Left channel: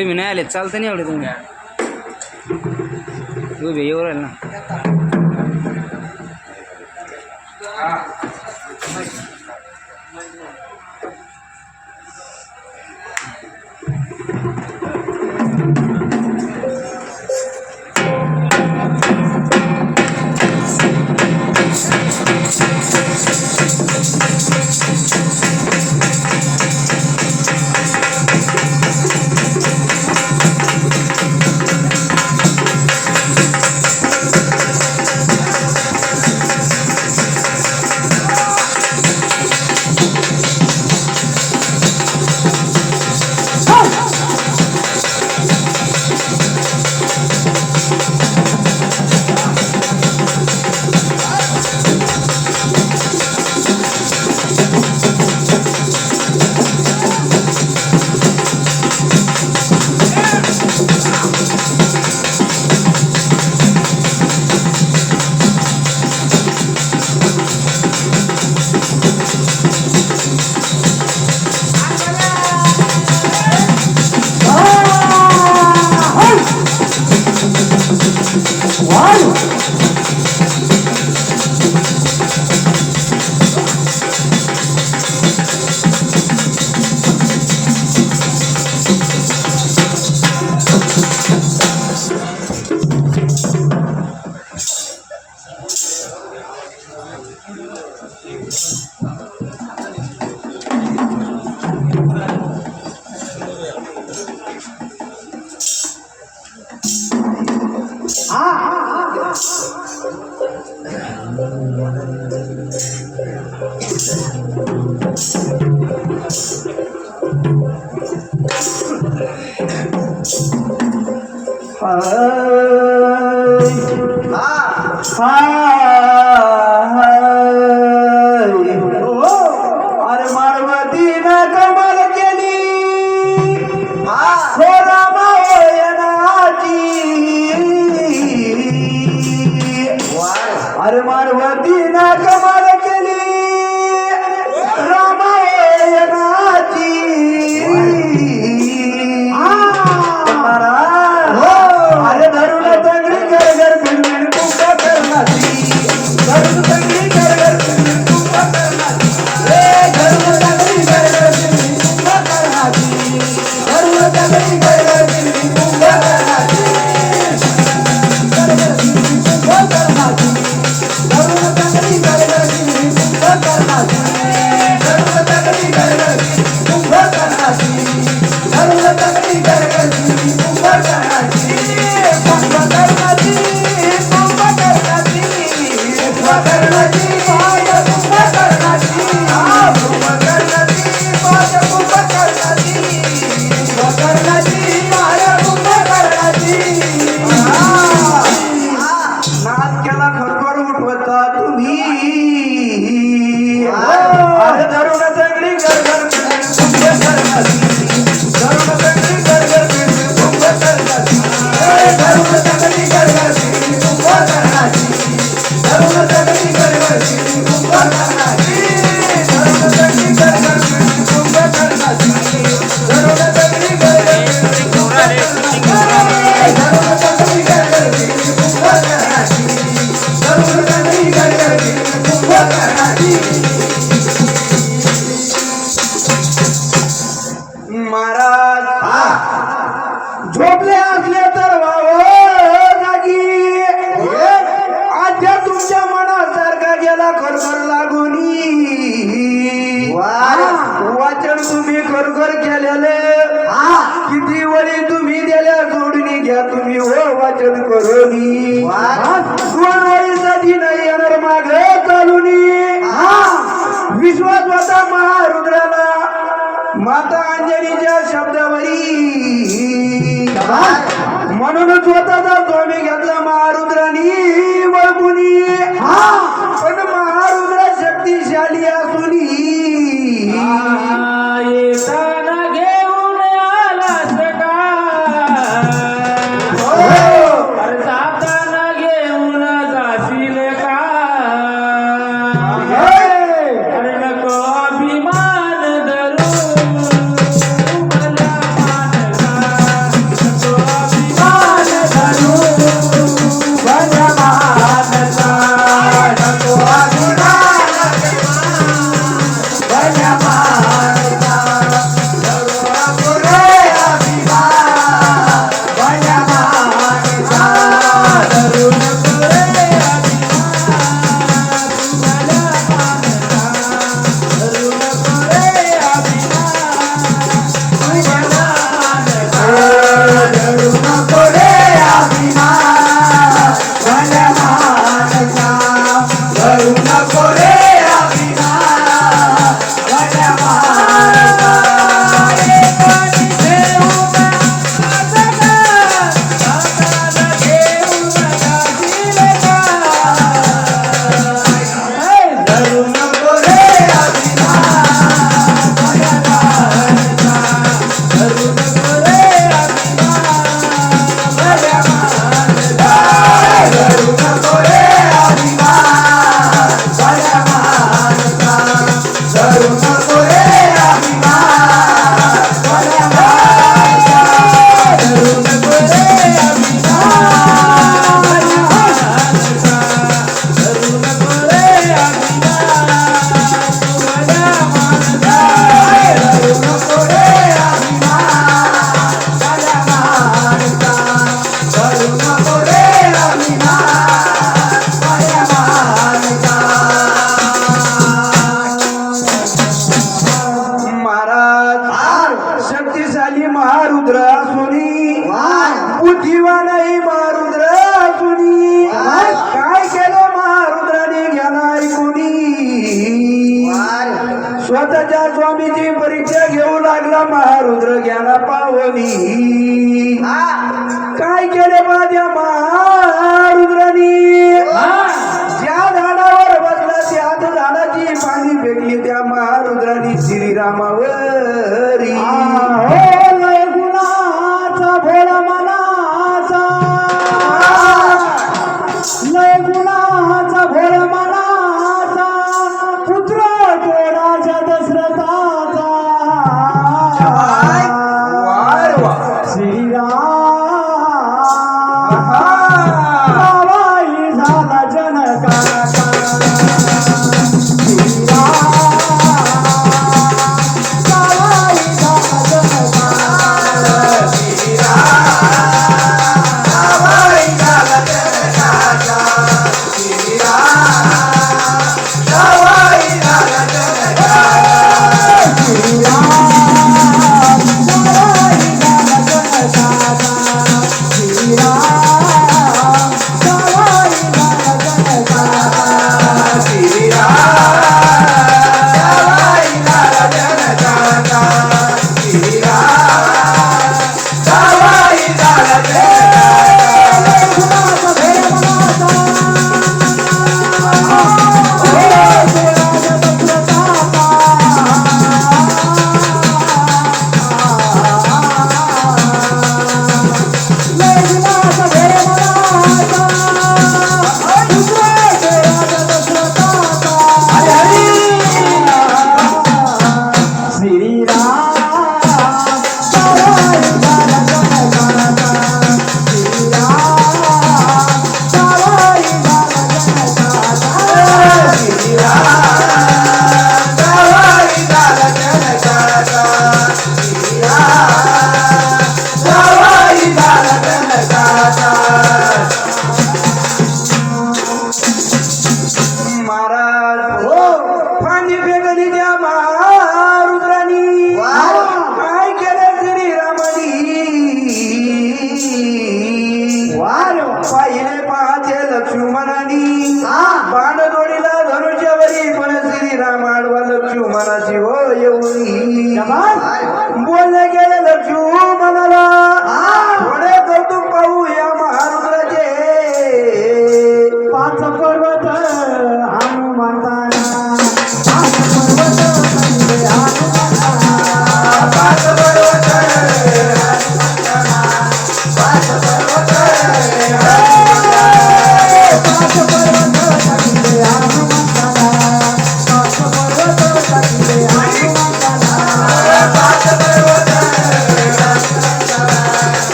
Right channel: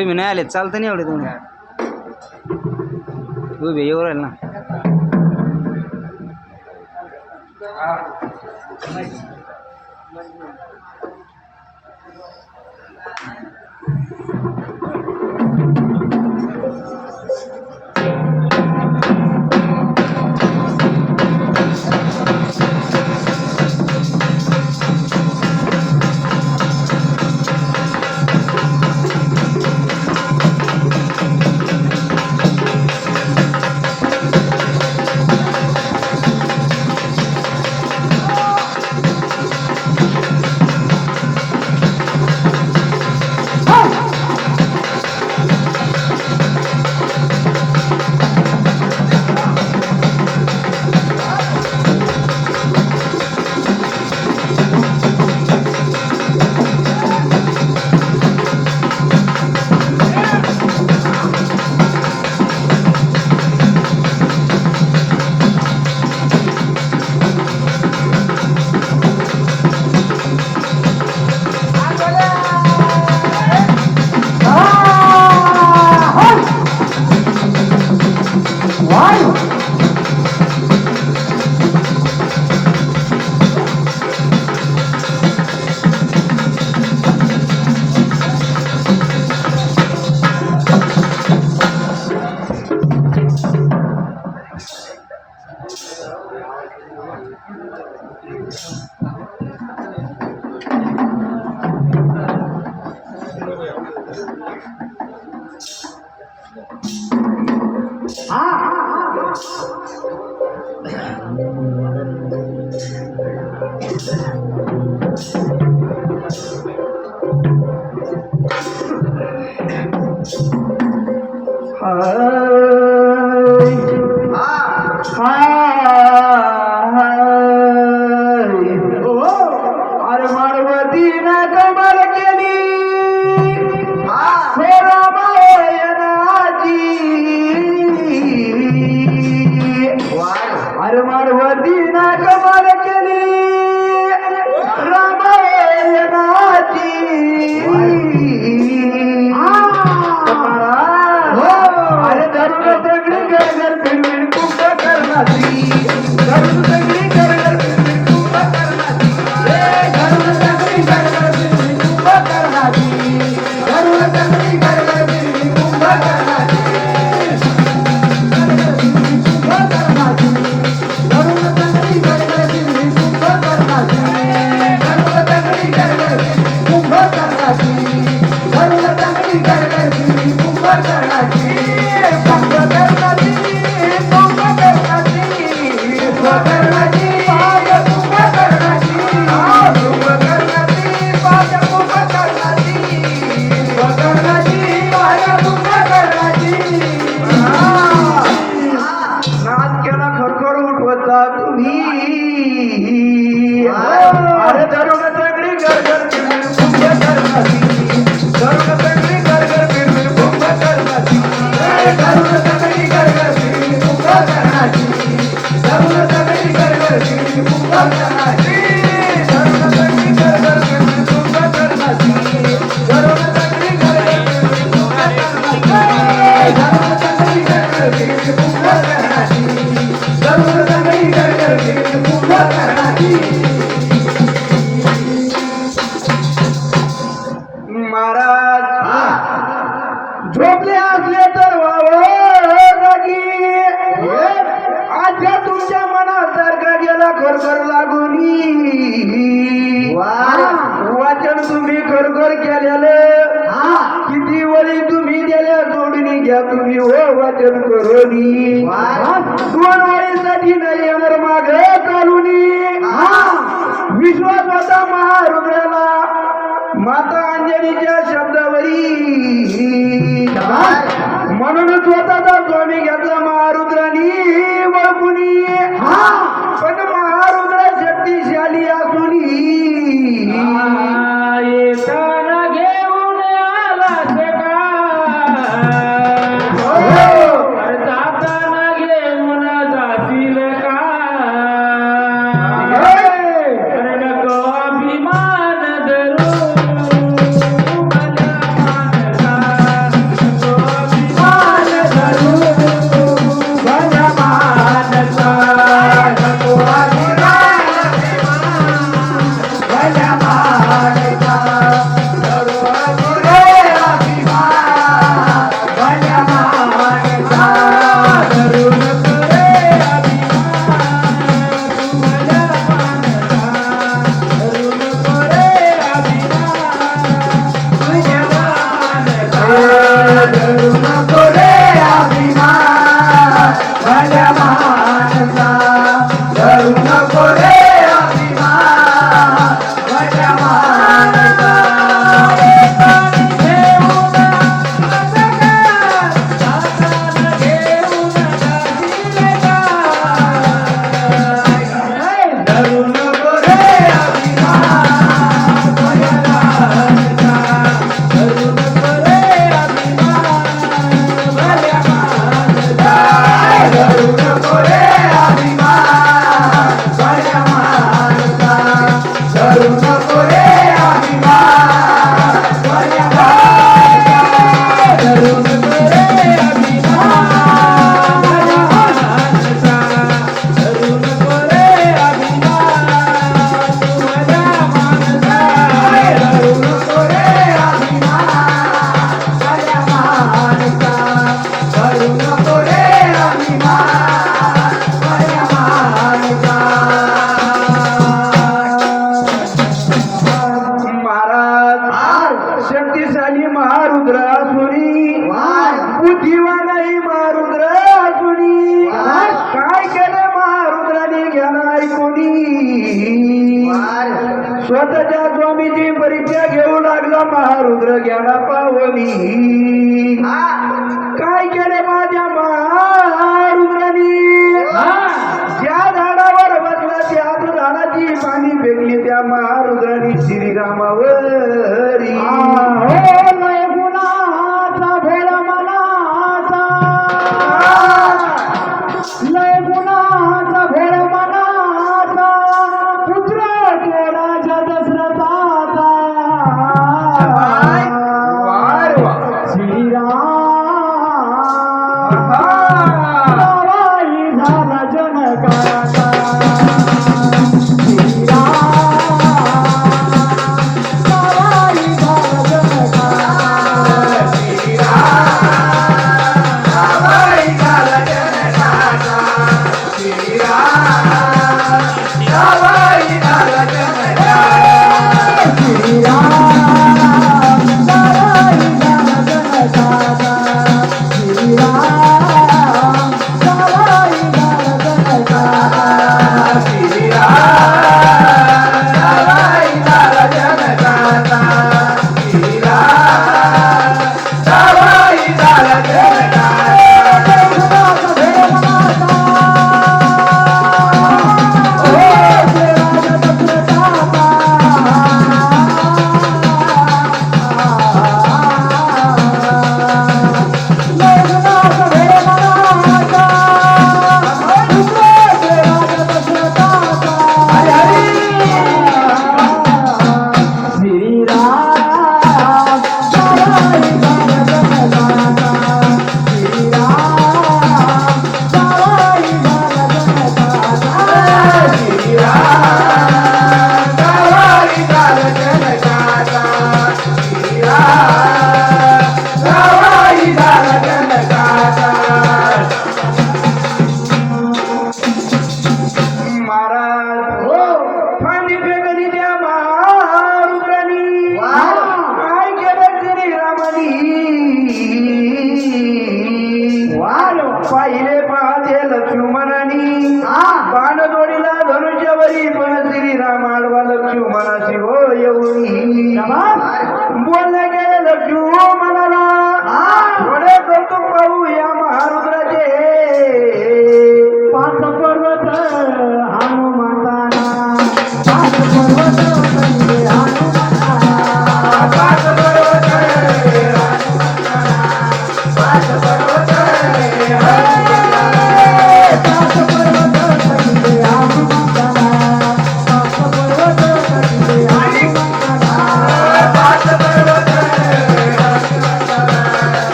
तुम्ही नाही आले चालतं नाही एवढे तुम्ही. उभे येऊ राहील ना. मला खरखर लागोनी. वाचन तुम्ही खरखर केलेले. किती वळी तुम्ही दिल्या जोडणी घ्या तुम्ही हो वाचन करोनी. दोन वळीसाठी नाही येणार माग चालूनी विश्वास माता महारुद्राला. माता अंजनीच्या शब्दावरी. म्हणून स्वतःचा स्वामी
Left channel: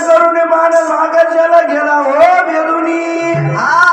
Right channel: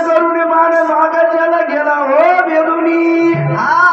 करून माणूस आकाशाला गेला हो बेदुनी हा.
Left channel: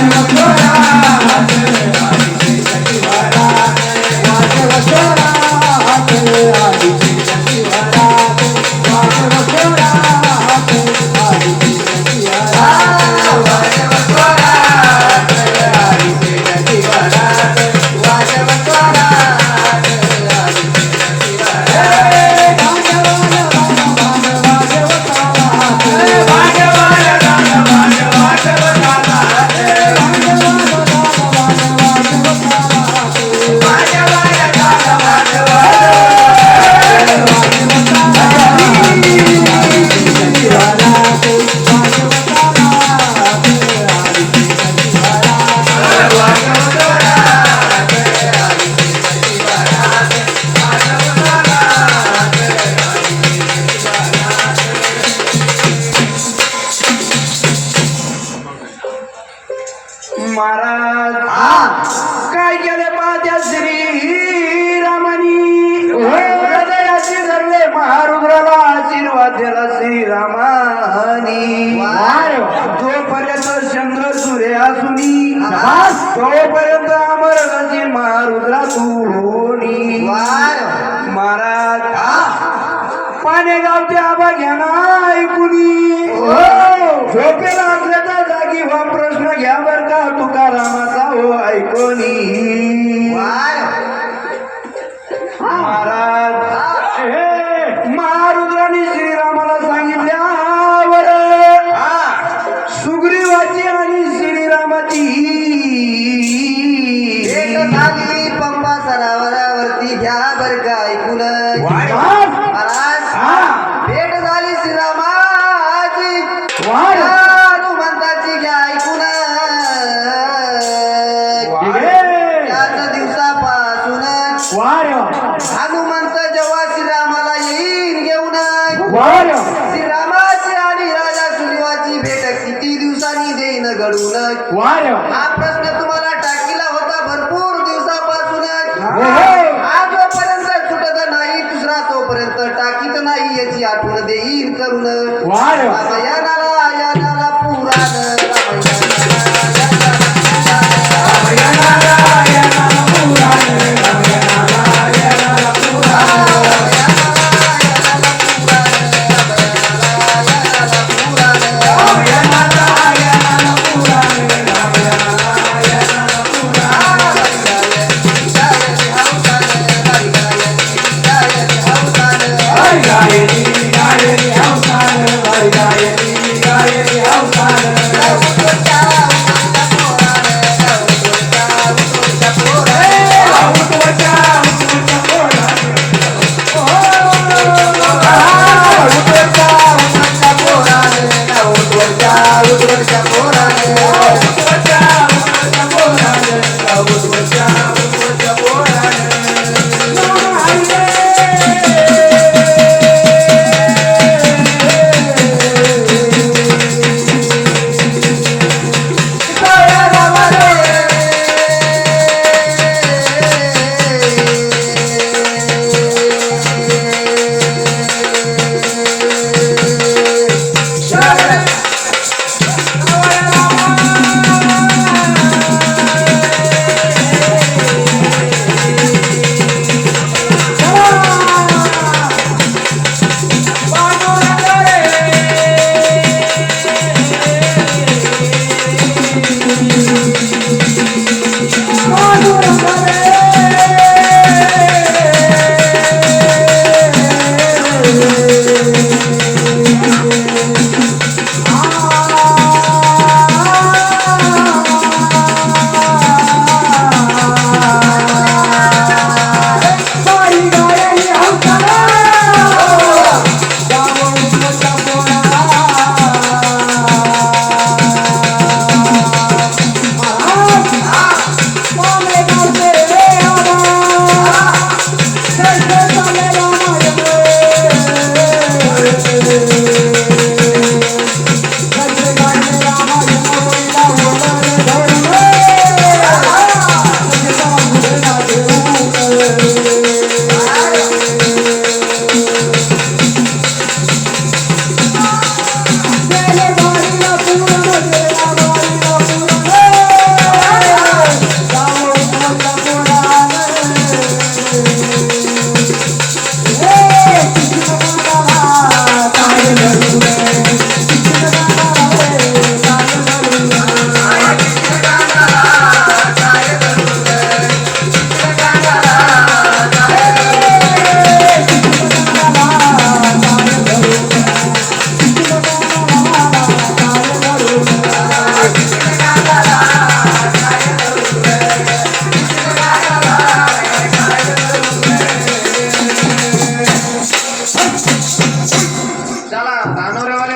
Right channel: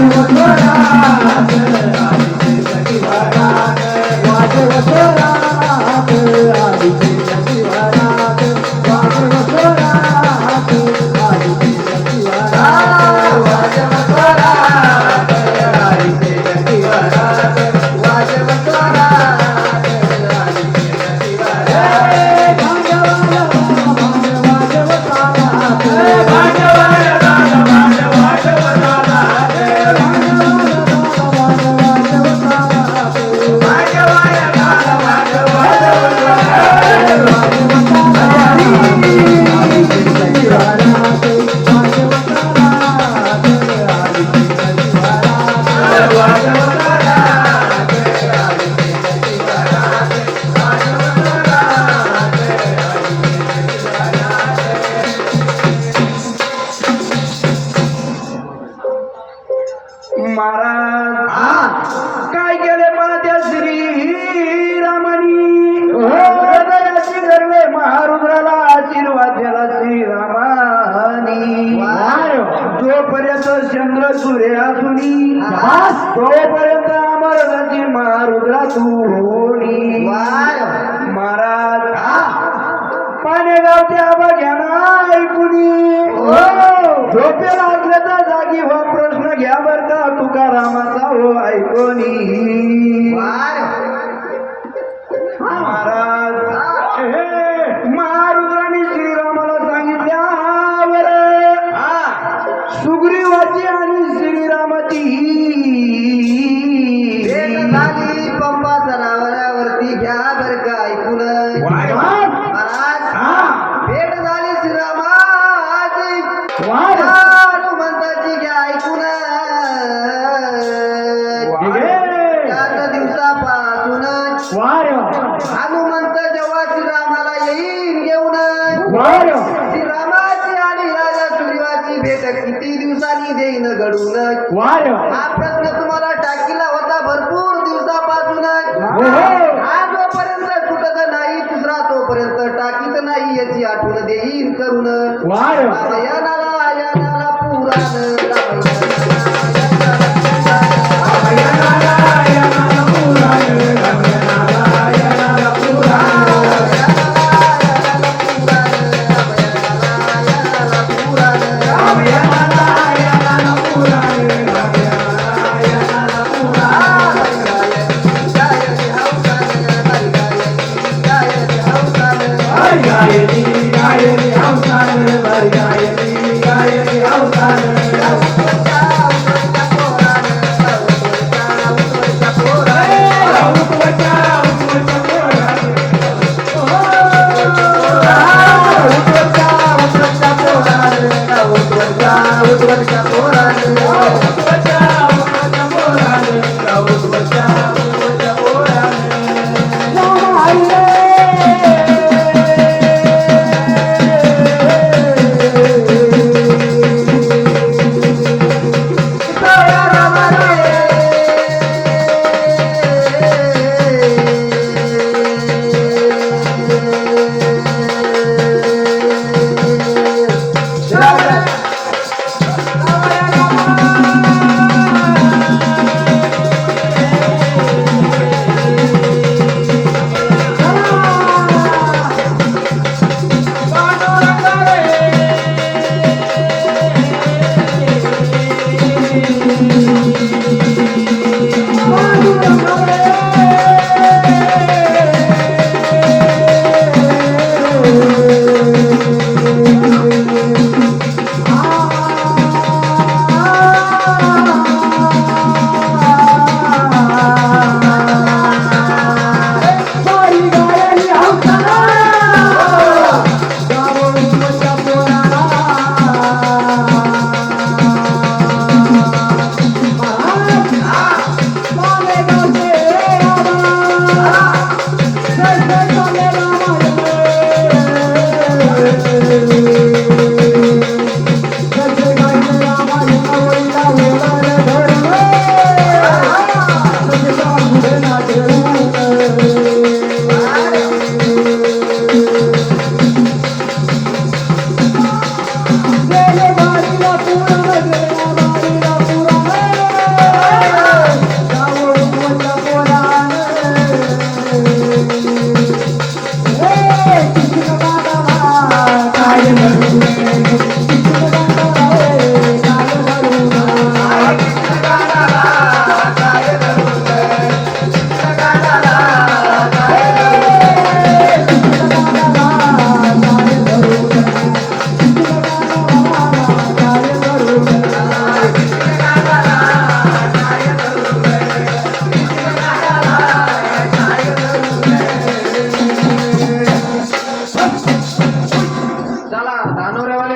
Señor, गाणे गावते आबा घ्या ना ऐकुनी. हो. झोपेला लागले तर जागी व प्रश्न घ्या बर का तुकारामाचा हो ऐकोनी. 야